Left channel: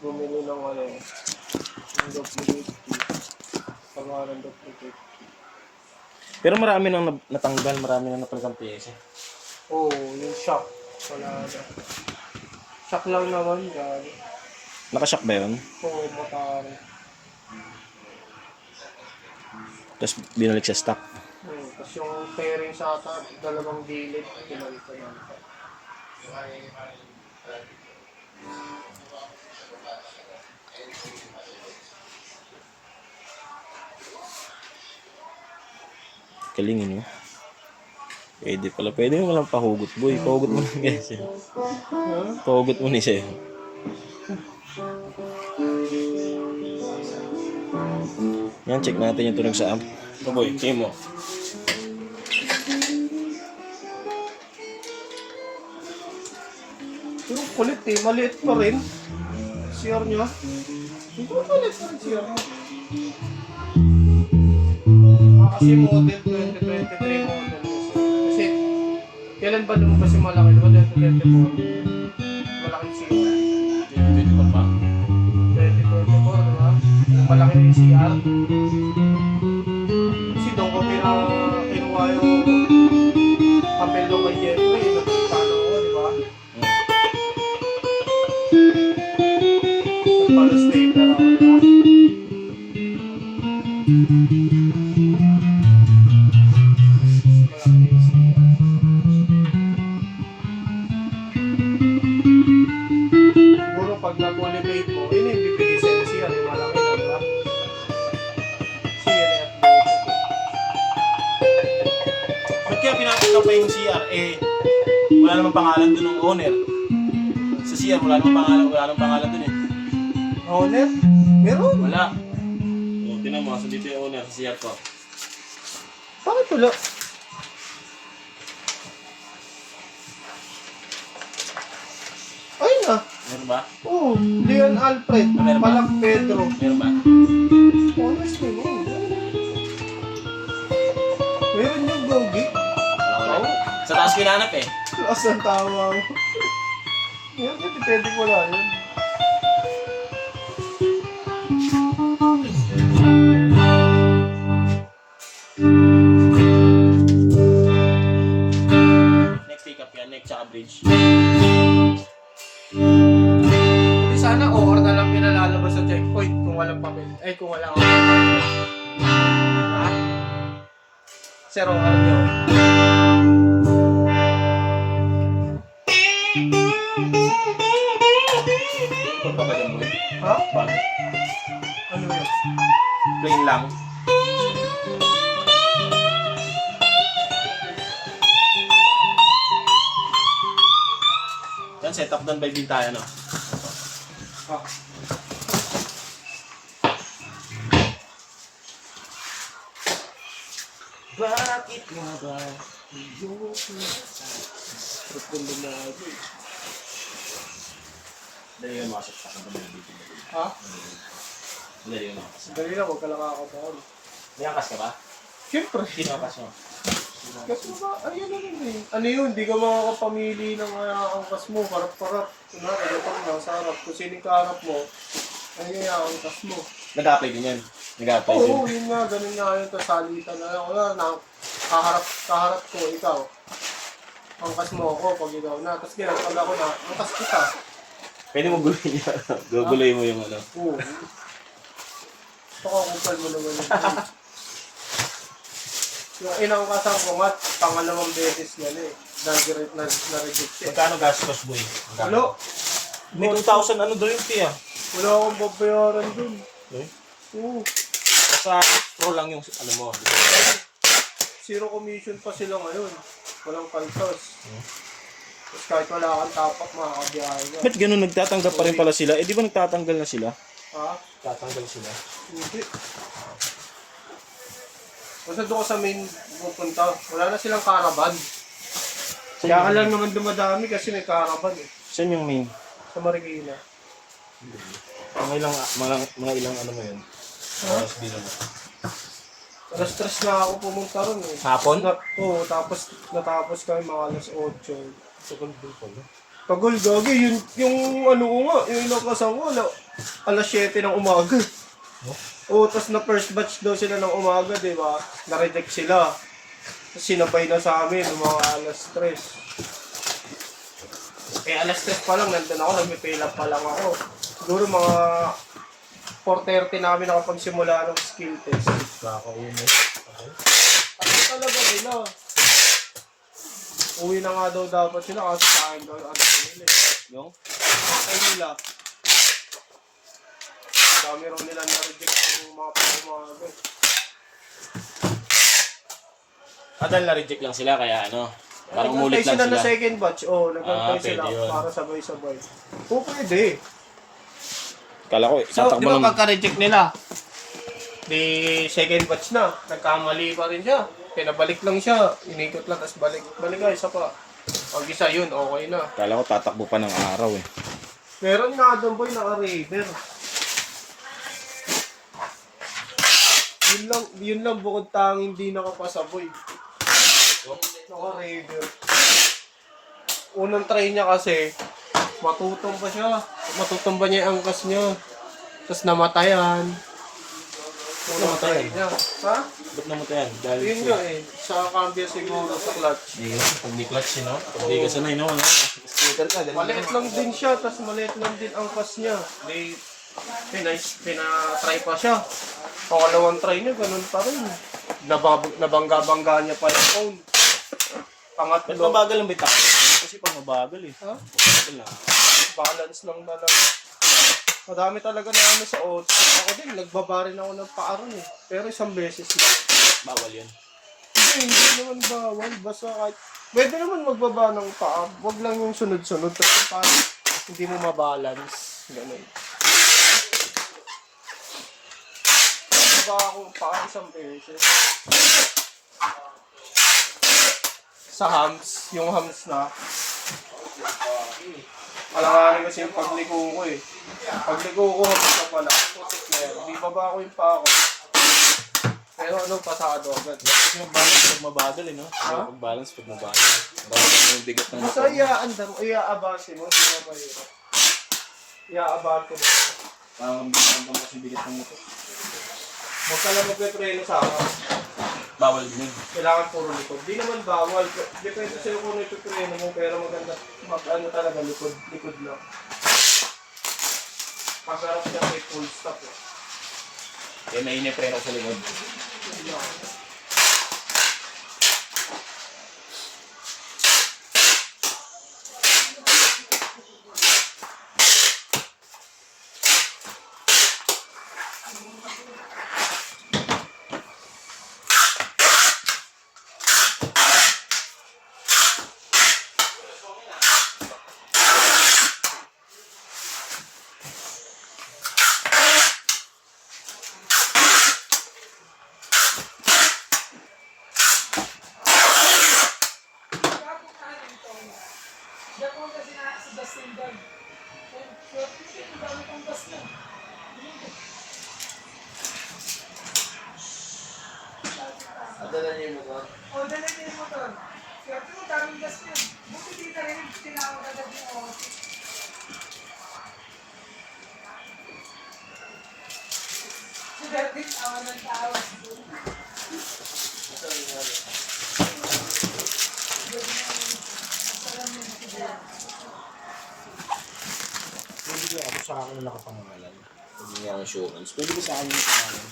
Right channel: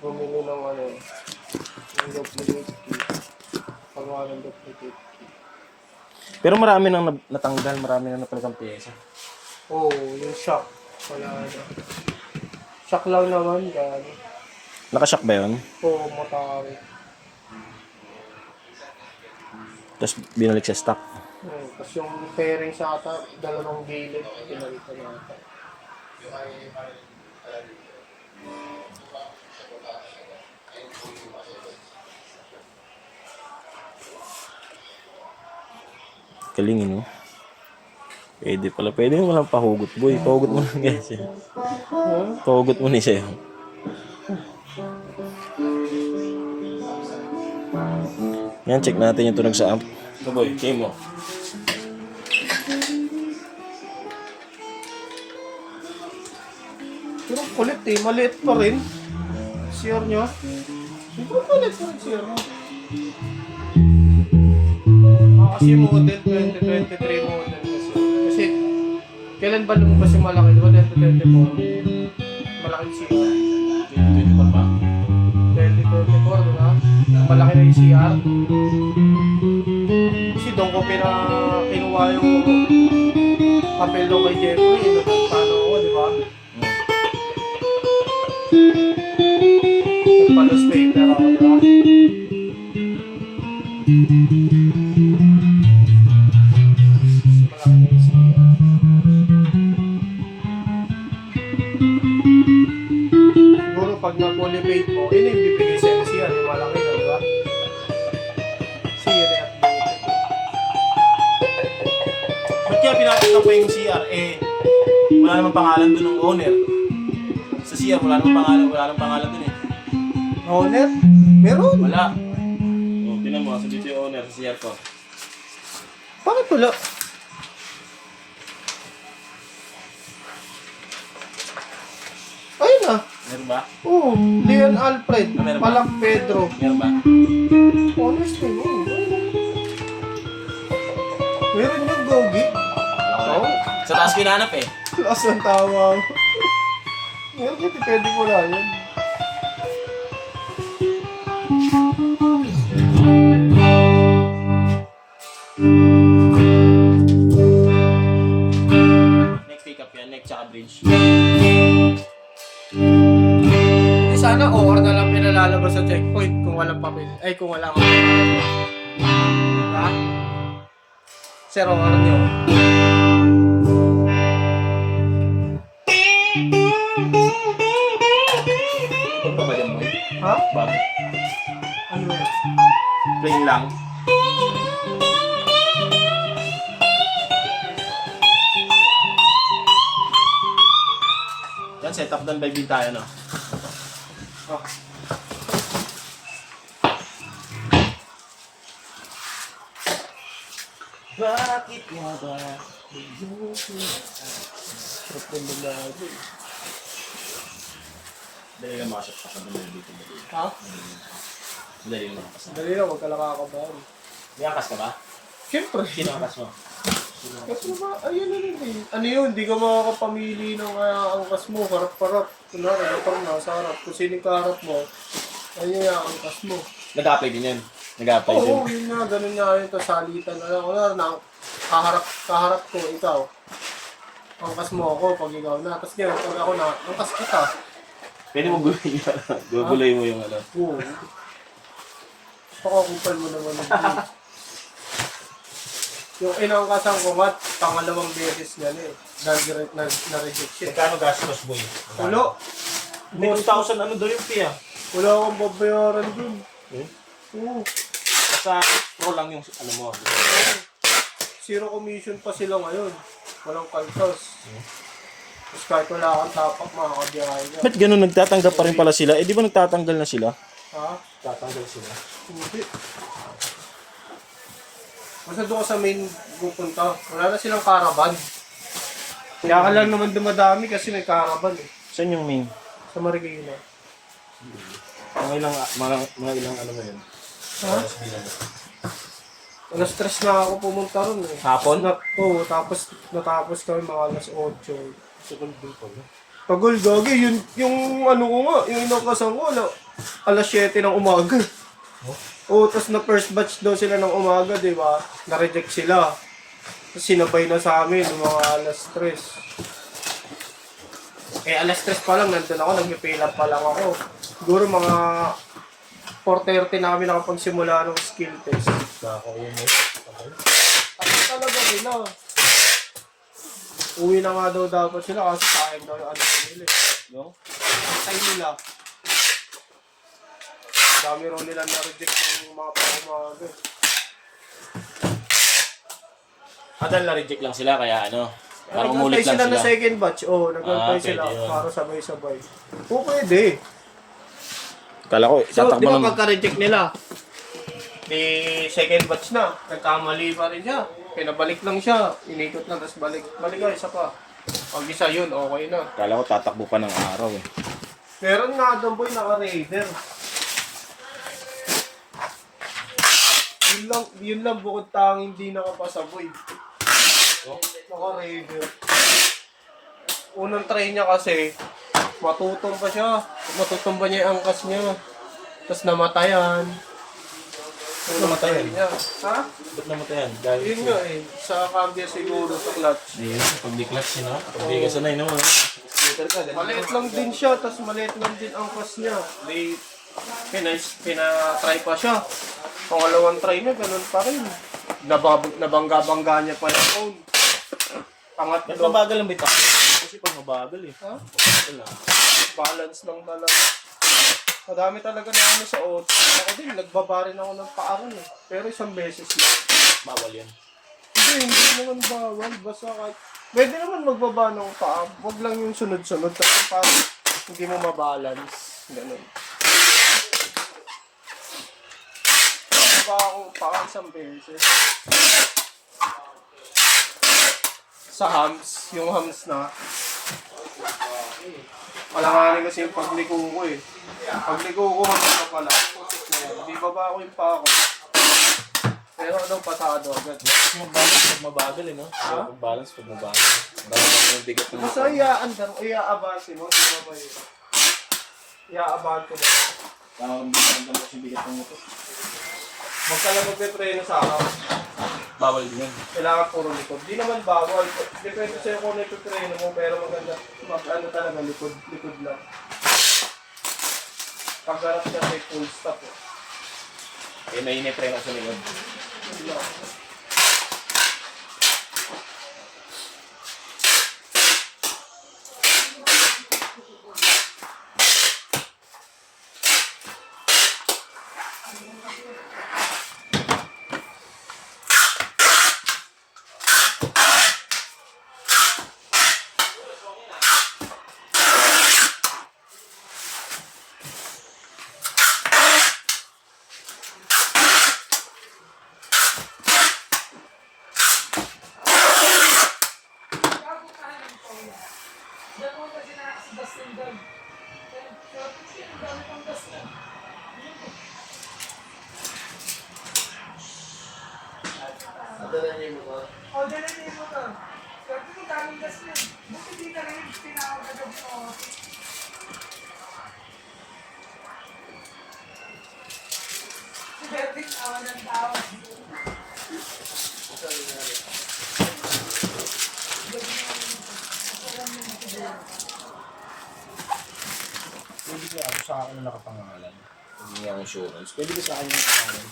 bumili ng ano, ng duplicate key. Pangalan duplicate key. Pero marami nang natanggal, marami nang napalagang piyesa. Oo, yung shock. Wala na. Shock lang naman, gano'n. Nakashock ba yun? Oo, matari. Tapos binalik sa stock. Tapos yung fairing sa ata, dalawang gilid, pinalitan natin. Galing no? Pwede pala. Pwede mo lang pahugot, boy. Pahugot mo lang guys. Pahugot mo ni sa'yo. Yan, check natin yung tunog sa amp. Ito boy, check mo. Pero kulit eh, maliit pa rin. CR nyo. Siguro maliit pa rin CR nyo. Kasi model 2023 model kasi kailan ba lumabas yung malaki? Diba 2024? Malaking CR. 24 pa? 2024, diba? Malaki na yung CR. Kasi doon ko kinuha yung papel doon kay Jeffrey. Nagpuntahan ako, diba? Nagpalos paper ako, diba? Siguro pag na-polybate mo, yun yung bibigay sa NCR, yung malaki na, diba? Kasi yun yung Ba't kaya pinapit pa yung CR? Eh, wala namang pangalan dun ng owner. Sa CR, wala namang pangalan dun eh. owner? Meron? Wala. O, tinan mo, so dito yung owner sa CR ko. Bakit wala? Ayun na. Meron ba? Oo, Leon Alfred, Meron ba? Palang Pedro. Meron ba? Honestly, no. Meron yung gogi. Wala. Sa taas ko hinahanap eh. Lakas ng tawa. Meron yun, depende ko lang yun. Next take up yan, next tsaka bridge. Hindi sana OR na lang pinalalabas sa checkpoint kung walang papel. Ay, kung walang... Ha? Sir, OR niyo. Ito pa ba dyan mo? Ha? Bag. Ano yun? Plain lang. Yan, set up done by Bintaya, no? Ah. Bakit nga ba? Profundo na ako. Dali ka makasap pa ka naman dito. Ha? Dali ka makasap. Dali na, huwag ka lang kakabahal. May angkas ka ba? Siyempre. Sino angkas mo? Kasi ba, ayun na yun eh. Ano yun, hindi ka makakapamili ng angkas mo, harap-harap. Kunwari, ito mo, sa harap. Kung sino yung kaharap mo, ayun yung angkas mo. Nag-apply din yan. Nag-apply din. Oo, yun nga, ganun nga yun, to salitan na lang. Wala na, kaharap ko, ikaw. Angkas mo ako pag ikaw na. Tapos gano'n, pag ako na, angkas kita. Pwede mo gulay yan. Gugulay mo yung ano. Oo. Pakakupal mo naman yung yung inangkasan ko nga, pangalawang beses yan eh. Dahil na-reject siya. Magkano gastos, boy? Wala. May 2,000 ano doon yung fee ah. Wala akong babayaran dun. Eh? Oo. Sa pro lang yung ano mo. Zero commission pa sila ngayon. Walang kaltos. Tapos kahit wala kang tapak, makakabiyahe ka. Ba't ganun nagtatanggap pa rin pala sila? Eh di ba nagtatanggal na sila? Ha? Tatanggal sila. Hindi. Basta doon ko sa main pupunta, wala na silang caravan. Kaya ka lang naman dumadami kasi may caravan eh. Saan yung main? Sa Marikina. Mga ilang ano mo yun? Ha? Alas 3 na ako pumunta ron eh. Hapon? Oo, tapos natapos kami mga alas 8. Second day pa no? Pagol, gagi, yung ano ko nga, yung inakasan ko, alas 7 ng umaga. Oo, tapos na first batch daw sila ng umaga, di ba? Na-reject sila. Tapos sinabay na sa amin, yung mga alas 3. Eh, alas 3 pa lang, nandun ako, nag-fill up pa lang ako. Siguro mga 4:30 na kami nakapagsimula ng skill test. Kakauwi mo. Tapos talaga nila. Uwi na nga daw dapat sila kasi sa akin daw yung ano nila. Yung? Sa nila. Dami raw nila na-reject yung mga pang-umaga. Dahil na-reject lang sila kaya ano. Parang umulit lang sila. sila. Na second batch. Oo, nag-apply sila pwede yun. para sabay-sabay. Oo, pwede. Kala ko, So, tatakbo di ba ng... pagka-reject nila? Di second batch na. Nagkamali pa rin siya. Pinabalik lang siya. Inikot lang, tapos balik. Balik ka, isa pa. Pag isa yun, okay na. Kala ko tatakbo pa ng araw eh. Meron nga doon boy, naka-raider. Yun lang bukod tanging hindi nakapasa boy. Naka-raider. Unang try niya kasi, matutong pa siya. Matutong ba niya yung angkas niya. Tapos namatayan. Namatayan? Niya. Ha? Ba't namatayan? Dahil Yun nga eh. Sa cambio siguro, sa clutch. Hindi, pag di clutch no? Pag di ka sanay no? Scooter ka, Maliit lang din siya, tapos maliit lang din ang angkas niya. Di, pina-try pa siya. Pangalawang try niya, ganun pa rin. Nabangga-bangga niya pa yung phone. Ba't Pangatlo, mabagal lang ba yung takbo? Kasi pag mabagal eh. ha? Mabagal lang. Balance lang talaga. Madami talaga na ano sa auto. Ako din, nagbabarin ako ng paaro eh. Pero isang beses lang. Bawal yan. Hindi naman bawal. Basta kahit, pwede naman magbaba ng paa. Huwag lang yung sunod-sunod. Tapos parang hindi mo mabalance. Ganun. Baba akong paa isang beses. Sa hams, yung hams na. Alanganin kasi yung pagliko ko eh. Pagliko ko, hams na pala. Putik na yan. Di baba ko yung paa ko. Pero ano, pasado agad. Kasi mag-balance pag mabagal eh no? Ha? Mag-balance pag mabagal. Bagal yung bigat ng Basta iaandar, iaabase mo, hindi na mahirap. Iaabante mo. Parang magandang kasi bigat ng motor. Huwag ka lang magpe-preno sa akin. Bawal din yun. Kailangan puro likod. Di naman bawal. Depende sa'yo kung ano ipipreno mo, pero maganda, ano talaga, likod lang. Pagharap niya may full stop. Yan na inipreno sa likod. Adala niya yung motor. O, dala niya yung motor. Swerte mo, daming gas yun. Buti di na rin, tinawag agad yung OT. Swerte, tawa ng tawa. Pwede ko ako sa akin na nakapangalan. Pag hindi ako insurance. Pwede ko sa akin yung pangalan.